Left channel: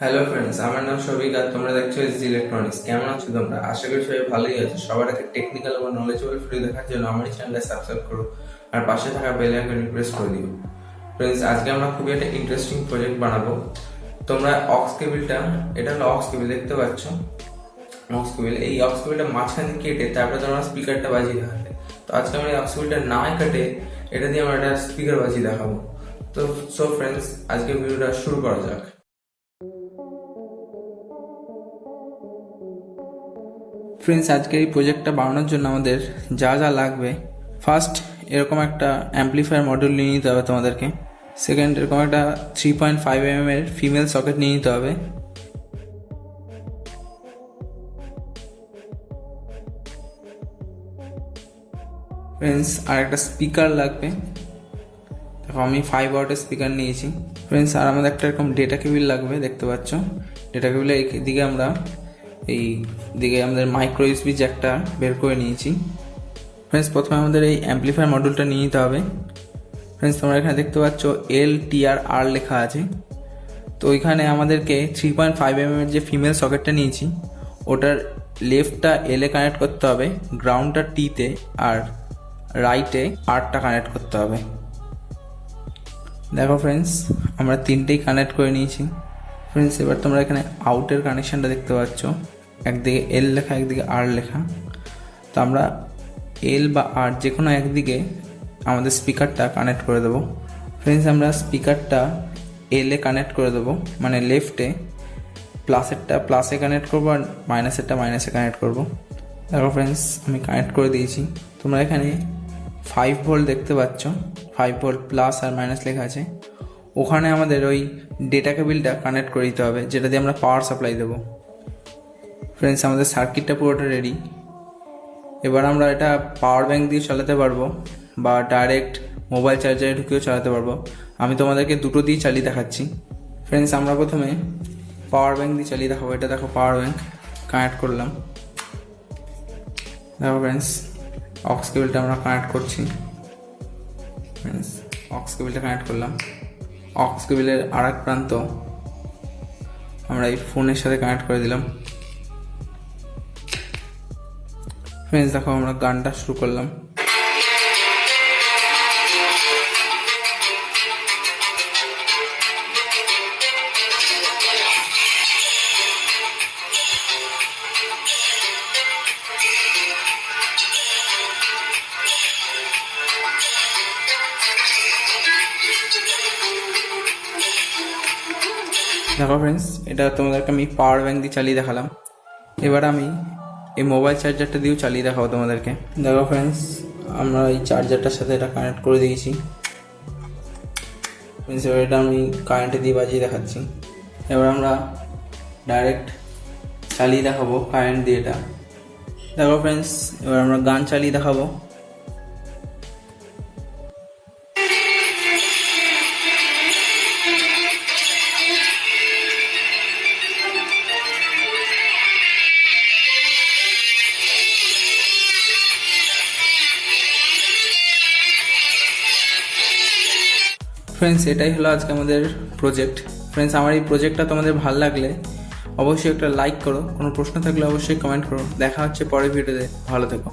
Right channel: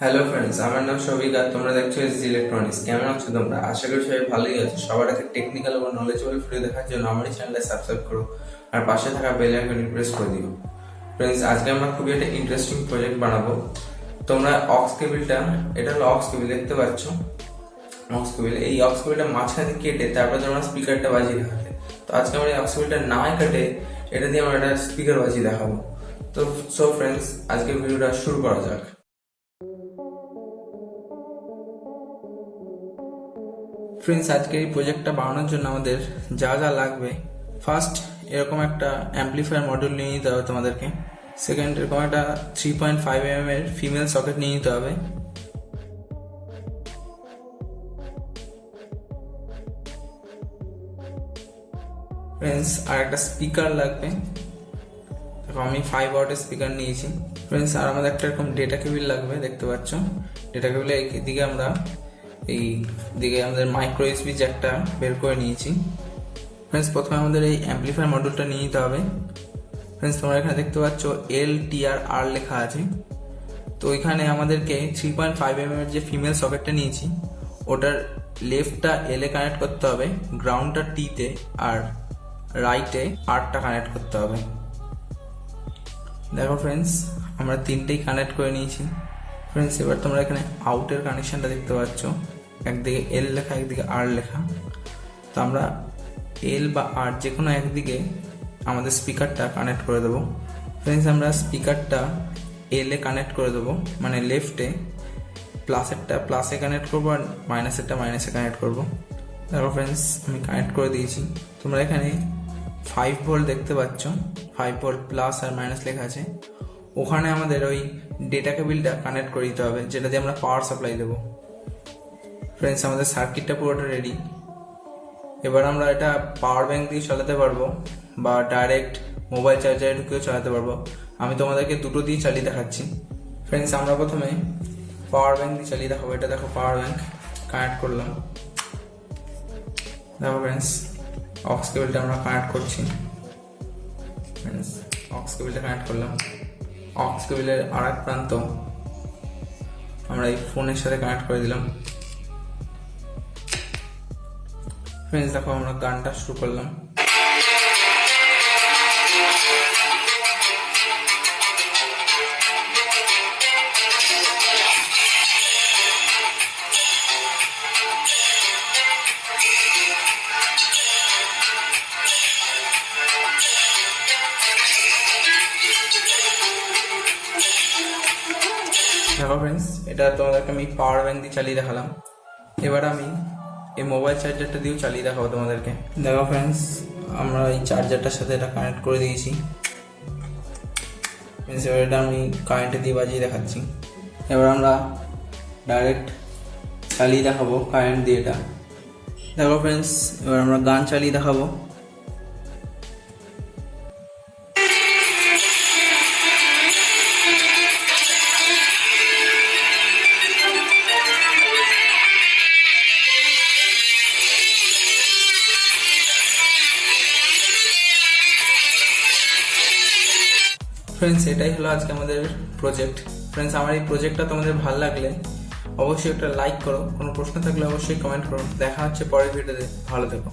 Hello friends, আমার নাম সবিক আর তোমরা দেখছো এসজি ইলেকট্রনিক্স। কেমন আছো তোমরা? আশা করি সবাই ভালোই আছো। সবার আগে টেকনিক্যাল এবং নলেজেবল ভিডিও দেখার জন্য আমার এই চ্যানেলটা সাবস্ক্রাইব করো আর পাশে থাকা বেল আইকনটি প্রেস করে দিও। ফ্রেন্ডস, আজকে আমরা খুবই একটা ইন্টারেস্টিং প্রজেক্ট বানাবো। তোমরা অক্স কেবিলটা, এটা হলো অক্স কেবিল, দেখতে পাচ্ছ অক্স কেবিল। এই অক্স কেবিলটা মাঝখানে কেটে তারপরে তোমরা স্পিকারটা বাজিয়ে দেখাবে। তো আজকে আমরা এই অক্স কেবিলটা না কেটে এটা দিয়ে আমরা একটা স্পিকার বাজিয়ে দেখাবো। তো ফ্রেন্ডস, আজকে ভিডিওটা শুরু করা যাক। ফ্রেন্ডস, আজকের এই প্রজেক্টটা বানানোর জন্য আমাদের যা যা লাগবে, ফার্স্ট এরকম একটা অ্যাম্পলিফায়ার মডিউল নিয়ে নিতে হবে তোমাদেরকে। সেকেন্ড, এরকম একটা 3.5 mm এর ফিমেল সকেট নিয়ে নিতে হবে। ফ্রেন্ডস, আর একটা স্পিকার লাগবে। দেখো আমি 5 ওয়াটের স্পিকার নিয়েছি। ফ্রেন্ডস, আর আমাদের একটা এরকম ডেটা কেবিল লাগবে, দেখতে পাচ্ছ। ডেটা কেবিলের দিকে আমরা আমাদের মাইক্রো ইউএসবি জ্যাকটা বের করে নিয়েছি। ফ্রেন্ডস, প্রথমে আমাদের এই অ্যাম্পলিফায়ার মডিউলটা নিয়ে নিতে হবে। ফ্রেন্ডস, তোমরা এখানে দেখতে পাচ্ছ LTR লেখা আছে। তো এখানে আমাদেরকে 3.5 mm এর যে ফিমেল সকেটটা নিয়েছি ওটার লেফটটা এলে কানেক্ট করতে হবে, গ্রাউন্ডটা টিতে, আর রাইটে আরটা কানেক্ট করতে হবে। দেখো ফ্রেন্ডস, আমরা তিনটেই কানেক্ট করে নিয়েছি। ফ্রেন্ডস, এবার তোমরা এখানে আউটের কানেকশনটা দেখতে পাচ্ছ, একদিকে এল লেখা একদিকে আর লেখা। তো আমরা এল বা আর যে কোনো একদিকে আমাদের স্পিকারটা কানেক্ট করে দেবো। ফ্রেন্ডস, আমরা স্পিকারটা এলে কানেক্ট করে দেবো, মানে লেফটে। প্লাসেরটা প্লাসে কানেক্ট করবো আর মাইনাসেরটা মাইনাসে কানেক্ট করবো। দেখো ফ্রেন্ডস, আমি কানেক্ট করে দিয়েছি। তোমরা এখানে 5 ভোল্ট দেখতে পাচ্ছ, 5 ভোল্ট প্লাস আর মাইনাস লেখা আছে। ওখানে আমাদের ওই ডেটা কেবিলটা কানেক্ট করে দিতে হবে, যেটা দিয়ে আমরা পাওয়ার সাপ্লাই দেবো। ফ্রেন্ডস, আমাদের সার্কিটটা পুরোটা রেডি। এবার আমরা এটা পাওয়ার ব্যাঙ্ক দিয়ে চালাতে পারবো বা ডাইরেক্ট মোবাইল চার্জারে ঢুকেও চালাতে পারবো। আমি তোমাদেরকে দুটো দিয়ে চালিয়ে দেখাচ্ছি। ফ্রেন্ডস, আমরা প্রথমে পাওয়ার ব্যাঙ্ক দিয়ে চালিয়ে দেখাবো। এটা দেখো, পাওয়ার ব্যাঙ্ক কানেক্ট করলাম। দেখো ফ্রেন্ডস, অক্স কেবলটা আমরা কানেক্ট করছি। ফ্রেন্ডস, অক্স কেবলটা কানেক্ট করলাম। অক্স কেবলের আর এক প্রান্ত আমরা এই ফোনের সাথে কানেক্ট করে দিলাম। ফ্রেন্ডস, দেখো আমরা গানটা শুরু করলাম। দেখো ফ্রেন্ডস, এটা তোমাদেরকে আমি পাওয়ার ব্যাঙ্ক দিয়ে চালিয়ে দেখালাম। এবার আমি এই মোবাইল চার্জারটা দিয়েও চালিয়ে দেখাবো তোমাদেরকে। দেখো ফ্রেন্ডস, আমরা এই চার্জারটার সাথে এটা কানেক্ট করে দিয়েছি। এবার এটা আমি কারেন্টে দিয়ে বাজিয়ে দেখাচ্ছি। এবার আমরা ডাইরেক্ট চালিয়ে দেখাবো কারেন্ট দিয়ে এটা। দেখো ফ্রেন্ডস, এবার আমরা গান চালিয়ে দেখাবো। ফ্রেন্ডস, এটাই হলো আজকে আমাদের প্রজেক্ট। ফ্রেন্ডস, আমার এই প্রজেক্টটা তোমাদের ভালো লাগলে অবশ্যই একটা লাইক করো, কোনো প্রশ্ন থাকলে অবশ্যই কমেন্ট করো। দেখা হচ্ছে পরের ভিডিওতে। ভালো থেকো।